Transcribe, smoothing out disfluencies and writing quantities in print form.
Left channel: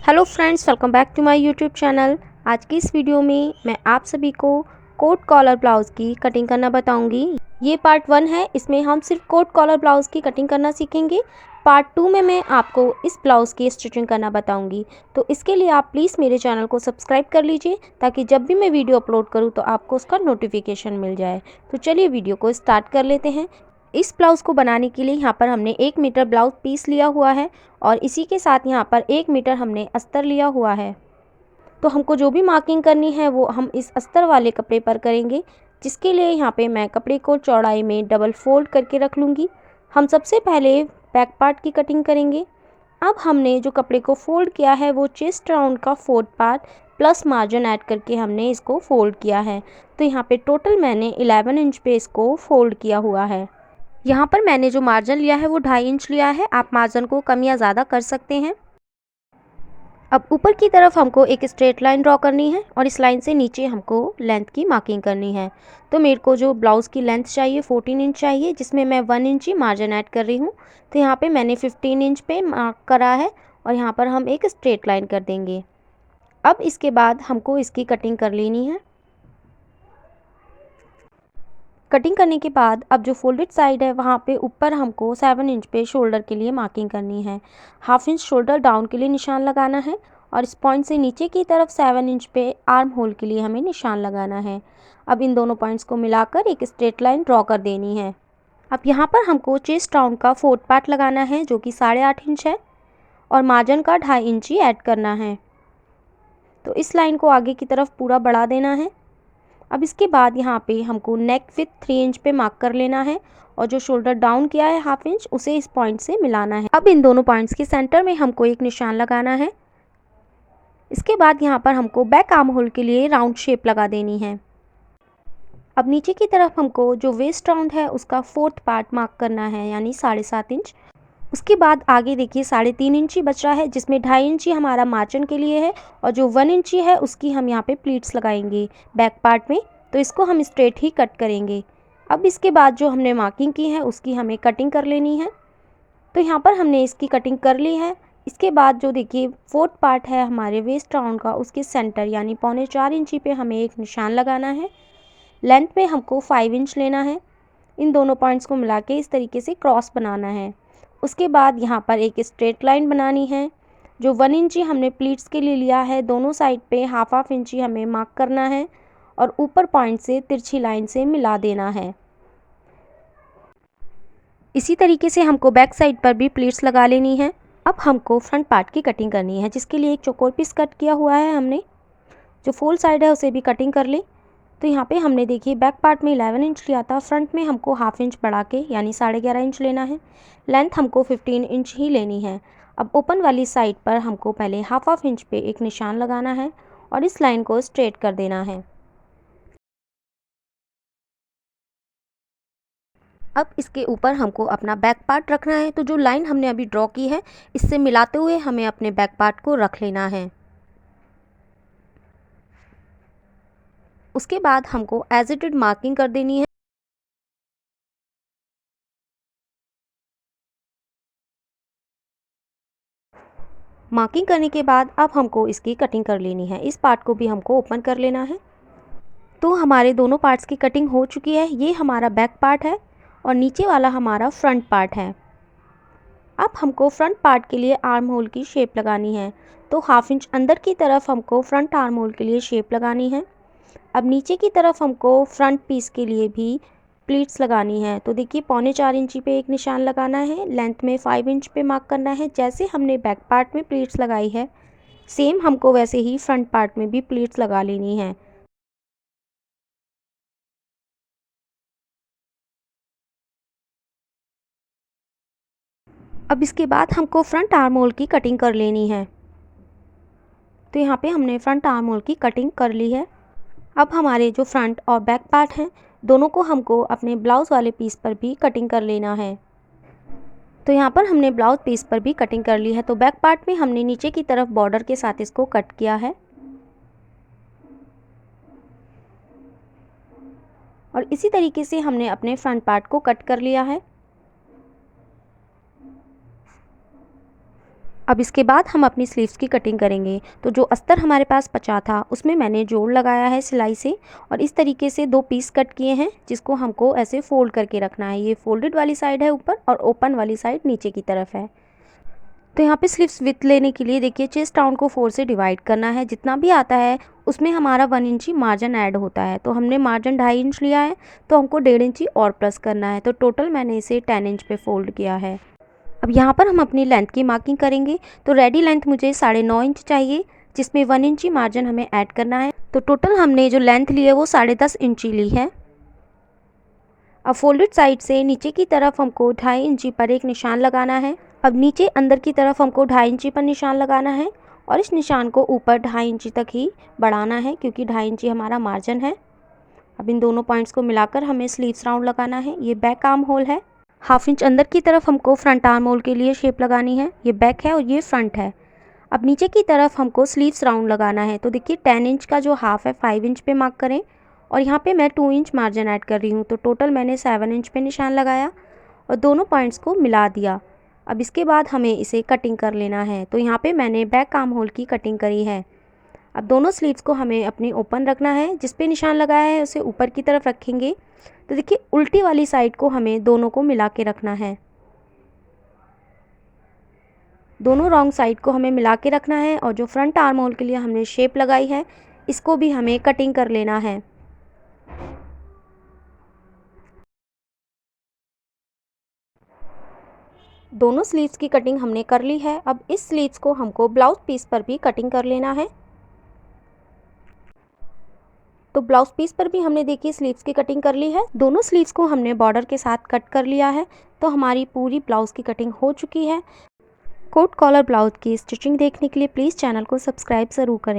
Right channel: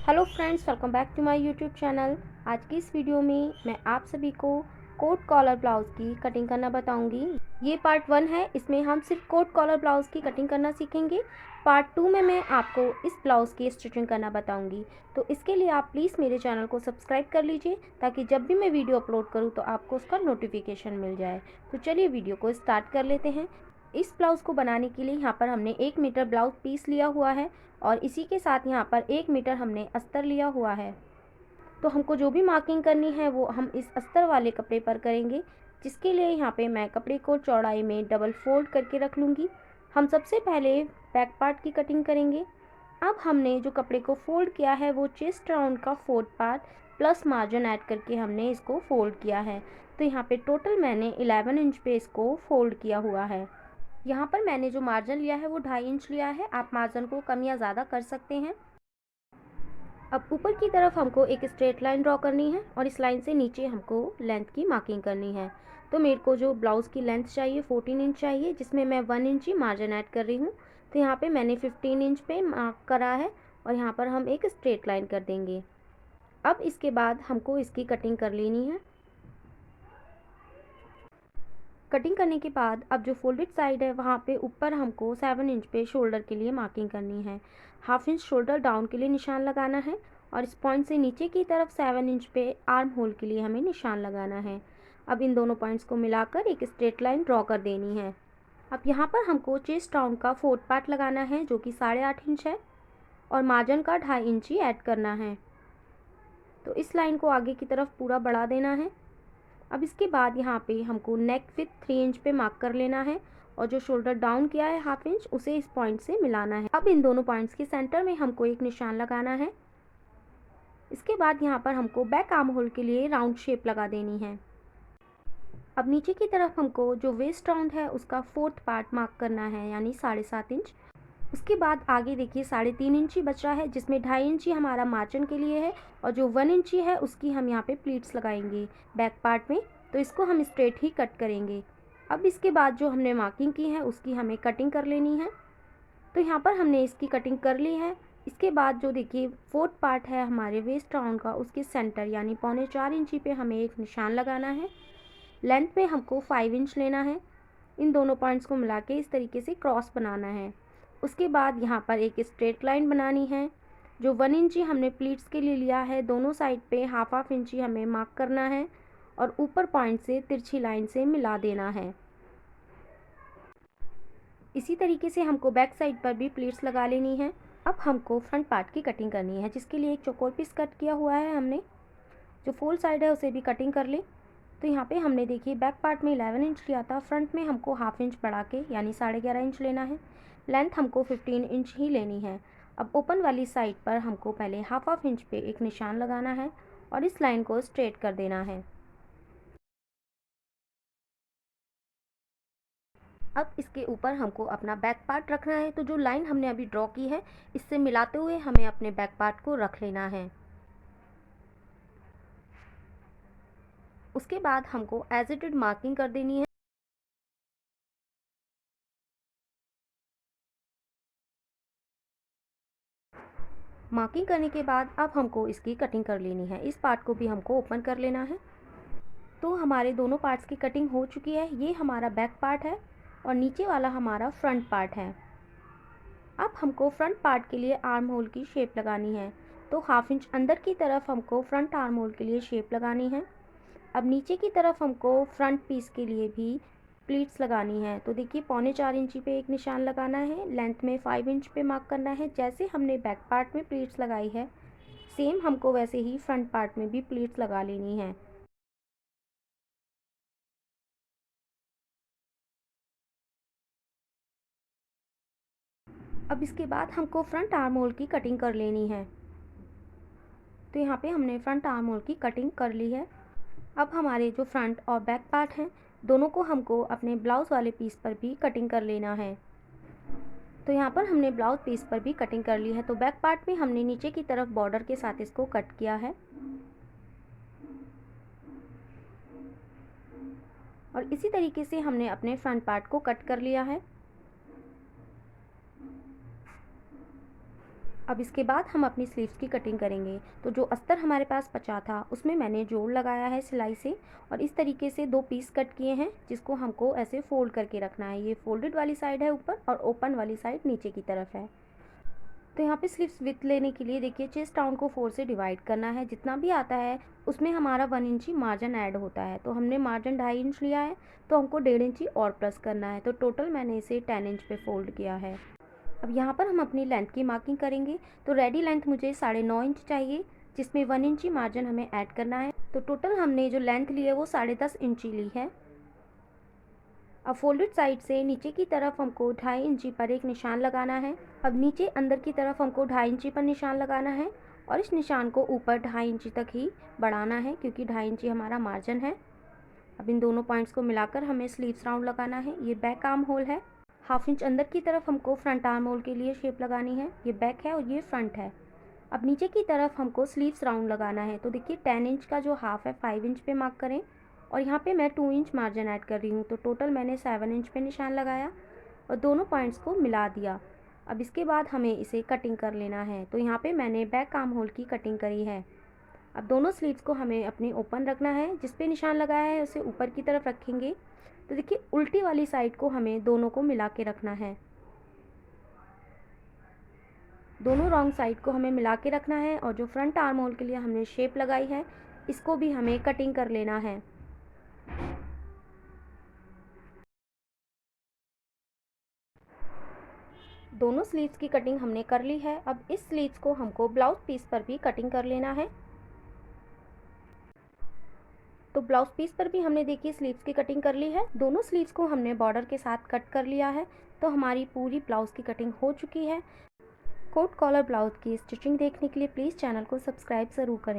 Hello friends, welcome back to my YouTube channel. आज की इस वीडियो में मैं आप सभी को कोट कॉलर ब्लाउज़ की कटिंग करना बताऊंगी। ये पार्ट 1 है। इसमें हम सिर्फ कोट कॉलर ब्लाउज़ की कटिंग करना सीखेंगे। पार्ट 2 में मैं आपको इस ब्लाउज़ की स्टिचिंग करना बताऊंगी। तो इसके लिए आप प्लीज़ मेरे चैनल को सब्सक्राइब कर लीजिए ताकि जब भी मैं वीडियो अपलोड करूँ तो आपको उसका नोटिफिकेशन मिल जाए। तो चलिए वीडियो को स्टार्ट कर लेते हैं। इस ब्लाउज़ को बनाने के लिए यहाँ पर हमने 1 मीटर ब्लाउज़ पीस लिया हुआ है और इसी के साथ यहाँ पर 1 मीटर हमने अस्तर लिया हुआ है। तो हमको जो भी मार्किंग करनी है वो हम इस अस्तर वाले कपड़े पर करेंगे, जिसके लिए यहाँ पे मैं कपड़े को चौड़ाई में डबल फोल्ड करके रख लूँगी। हम सबसे पहले बैक पार्ट की कटिंग करेंगे। अब हमने जो कपड़े को फोल्ड किया है वो चेस्ट राउंड का 4th part plus margin add करके हमने इसको फोल्ड किया है। तो यहाँ पे टोटल मैंने 11 इंच पे इसको फोल्ड किया हुआ है। यहाँ पर मैंने जो मार्जिन लिया है वो 2.5 इंच लिया है। आप मार्जिन को कम या ज़्यादा कर सकते हैं। अब ऊपर की तरफ हमको एक स्ट्रेट लाइन ड्रॉ करनी है और इस लाइन से नीचे हमको लेंथ की मार्किंग करनी है। तो मेरे को जो ब्लाउज़ की लेंथ चाहिए 14 इंच चाहिए, जिसमें मैं 1 इंच ही मार्जिन ऐड कर रही हूँ। तो यहाँ पे मैंने 15 इंच पे मार्क करा है और यहाँ पर हम एक स्ट्रेट लाइन कर देंगे। अब इसके बाद हमको इसकी कटिंग कर लेनी है। कटिंग करने के बाद अब जो फोल्डेड साइड है वहाँ पे ऊपर हमको 7 इंच पे शोल्डर के लिए मार्किंग करनी है। हाफ इंच शोल्डर डाउन के लिए निशान लगाना है और इस पॉइंट से नीचे की तरफ 7 इंच पे आर्म होल के लिए हमें निशान लगाना है। अब इन दोनों पॉइंट्स को मिलाकर एक स्ट्रेट लाइन ड्रॉ कर देनी है। अब यहाँ पर हमको चेस्ट राउंड का 4th पार्ट लगाना है जो कि 8.5 इंच है और मार्जिन का 2.5 इंच ही ऐड करना है। तो इस लाइन को आगे की तरफ पूरा बढ़ा देना है। अब इसके बाद यहाँ पे हमको नेक विथ 3 इंच पे मार्क कर लेना है और जो शोल्डर डाउन किया है हाफ इंच उसे इस पॉइंट से मिलाना है। अब इन दोनों पॉइंट्स के सेंटर में हमको एक निशान लगाना है। इसके बाद यहाँ पर हमको बैक आर्म होल के लिए राउंड शेप लगा देनी है। अब नीचे की तरफ हमको जो वेस्ट राउंड है उसका 4th पार्ट मार्क करना है, यानी 7.5 इंच। उसके बाद आगे देखिए 3.5 इंच ही बच रहा है, जिसमें 2.5 इंच ही हमारा मार्जिन के लिए है और जो 1 इंच ही है उसकी हम यहाँ पे प्लीट्स लगाएंगे बैक पार्ट में। तो इसको हम स्ट्रेट ही कट करेंगे। अब इसके बाद जो हमने मार्किंग की है उसकी हमें कटिंग कर लेनी है। तो यहाँ पर हमने इसकी कटिंग कर ली है। इसके बाद जो देखिए 4th पार्ट है हमारे वेस्ट राउंड का, उसके सेंटर यानी 3.25 इंची पे हमें एक निशान लगाना है। लेंथ में हमको 5 इंच लेना है। इन दोनों पॉइंट्स को मिला के इस तरीके से क्रॉस बनाना है। उसके बाद यहाँ पर एक स्ट्रेट लाइन बनानी है। जो 1 इंची हमने प्लीट्स के लिए लिया है दोनों साइड पे हाफ इंची हमें मार्क करना है और ऊपर पॉइंट से तिरछी लाइन से मिला देना है। इसी तरीके से हमको बैक साइड पर भी प्लीट्स लगा लेनी है। अब हमको फ्रंट पार्ट की कटिंग करनी है, जिसके लिए एक चौकोर पीस कट किया हुआ है हमने। जो फोल्ड साइड है उसे भी कटिंग कर ले। तो यहाँ पे हमने देखिए बैक पार्ट में 11 इंच लिया था, फ्रंट में हमको हाफ इंच बढ़ा के यानी 11.5 इंच लेना है। लेंथ हमको 15 इंच ही लेनी है। अब ओपन वाली साइड पर हमको पहले हाफ इंच पे एक निशान लगाना है और इस लाइन को स्ट्रेट कर देना है। अब इसके ऊपर हमको अपना बैक पार्ट रखना है। तो जो लाइन हमने अभी ड्रॉ की है इससे मिलाते हुए हमें अपने बैक पार्ट को रख लेना है। उसके बाद हमको एज इट इज मार्किंग कर देनी है। मार्किंग करने के बाद अब हमको इसकी कटिंग कर लेनी है। इस पार्ट को भी हमको ओपन कर लेना है। तो हमारे दोनों पार्ट्स की कटिंग हो चुकी है। ये हमारा बैक पार्ट है और नीचे वाला हमारा फ्रंट पार्ट है। अब हमको फ्रंट पार्ट के लिए आर्म होल की शेप लगानी है। तो हाफ इंच अंदर की तरफ हमको फ्रंट आर्म होल के लिए शेप लगानी है। अब नीचे की तरफ हमको फ्रंट पीस के लिए भी प्लीट्स लगानी है। तो देखिए 3.25 इंची पे एक निशान लगाना है, लेंथ में 5 इंच पे मार्क करना है। जैसे हमने बैक पार्ट में प्लीट्स लगाई है सेम हमको वैसे ही फ्रंट पार्ट में भी प्लीट्स लगा लेनी है। अब इसके बाद हमको फ्रंट आर्म होल की कटिंग कर लेनी है। तो यहाँ पे हमने फ्रंट आर्म होल की कटिंग कर ली है। अब हमारे जो फ्रंट और बैक पार्ट हैं दोनों को हमको अपने ब्लाउज़ वाले पीस पर भी कटिंग कर लेना है। तो यहाँ पर हमने ब्लाउज पीस पर भी कटिंग कर ली है। तो बैक पार्ट में हमने नीचे की तरफ बॉर्डर के साथ इसको कट किया है और इसी तरीके से हमने अपने फ्रंट पार्ट को कट कर लिया है। अब इसके बाद हम अपनी स्लीव्स की कटिंग करेंगे। तो जो अस्तर हमारे पास बचा था उसमें मैंने जोड़ लगाया है सिलाई से और इस तरीके से 2 पीस कट किए हैं जिसको हमको ऐसे फोल्ड करके रखना है। ये फोल्डेड वाली साइड है ऊपर और ओपन वाली साइड नीचे की तरफ है। तो यहाँ पे स्लीव्स विथ लेने के लिए देखिए चेस्ट राउंड को 4 से डिवाइड करना है। जितना भी आता है उसमें हमारा 1 इंची मार्जिन ऐड होता है। तो हमने मार्जिन 2.5 इंच लिया है तो हमको 1.5 इंची और प्लस करना है। तो टोटल मैंने इसे 10 इंच पे फोल्ड किया है। अब यहाँ पर हम अपनी लेंथ की मार्किंग करेंगे। तो रेडी लेंथ मुझे 9.5 इंच चाहिए जिसमें 1 इंची मार्जिन हमें ऐड करना है। तो टोटल हमने जो लेंथ ली है वो 10.5 इंची ली है। अब फोल्डेड साइड से नीचे की तरफ हमको 2.5 इंची पर एक निशान लगाना है। अब नीचे अंदर की तरफ हमको 2.5 इंची पर निशान लगाना है और इस निशान को ऊपर 2.5 इंची तक ही बढ़ाना है क्योंकि 2.5 इंची हमारा मार्जिन है। अब इन दोनों पॉइंट्स को मिलाकर हमें स्लीव्स राउंड लगाना है। ये बैक आर्म होल है। 1/2 इंच अंदर की तरफ हमको फ्रंट आर्म होल के लिए शेप लगानी है। ये बैक है और ये फ्रंट है। अब नीचे की तरफ हमको स्लीव्स राउंड लगाना है। तो देखिए 10 इंच का जो हाफ है 5 इंच पे मार्क करें और यहाँ पे मैं 2 इंच मार्जिन ऐड कर रही हूँ। तो टोटल मैंने 7 इंच पे निशान लगाया और दोनों पॉइंट्स को मिला दिया। अब इसके बाद हमें इसे कटिंग कर लेना है। तो यहाँ पे मैंने बैक आर्म होल की कटिंग करी है। अब दोनों स्लीव्स को हमें अपनी ओपन रखना है। जिस पे निशान लगाया है उसे ऊपर की तरफ रखेंगे। तो देखिए उल्टी वाली साइड को हमें दोनों को मिला के रखना है। दोनों रॉन्ग साइड को हमें मिला के रखना है और जो फ्रंट आर्म होल के लिए हमने शेप लगाई है इसको भी हमें कटिंग कर लेना है। दोनों स्लीव्स की कटिंग हमने कर ली है। अब इस स्लीव्स को हमको ब्लाउज पीस पर भी कटिंग कर लेना है। तो ब्लाउज पीस पर भी हमने देखिए स्लीव्स की कटिंग कर ली है। दोनों स्लीव्स को हमने बॉर्डर के साथ कट कर लिया है। तो हमारी पूरी ब्लाउज की कटिंग हो चुकी है। कोट कॉलर ब्लाउज की स्टिचिंग देखने के लिए प्लीज़ चैनल को सब्सक्राइब ज़रूर करें।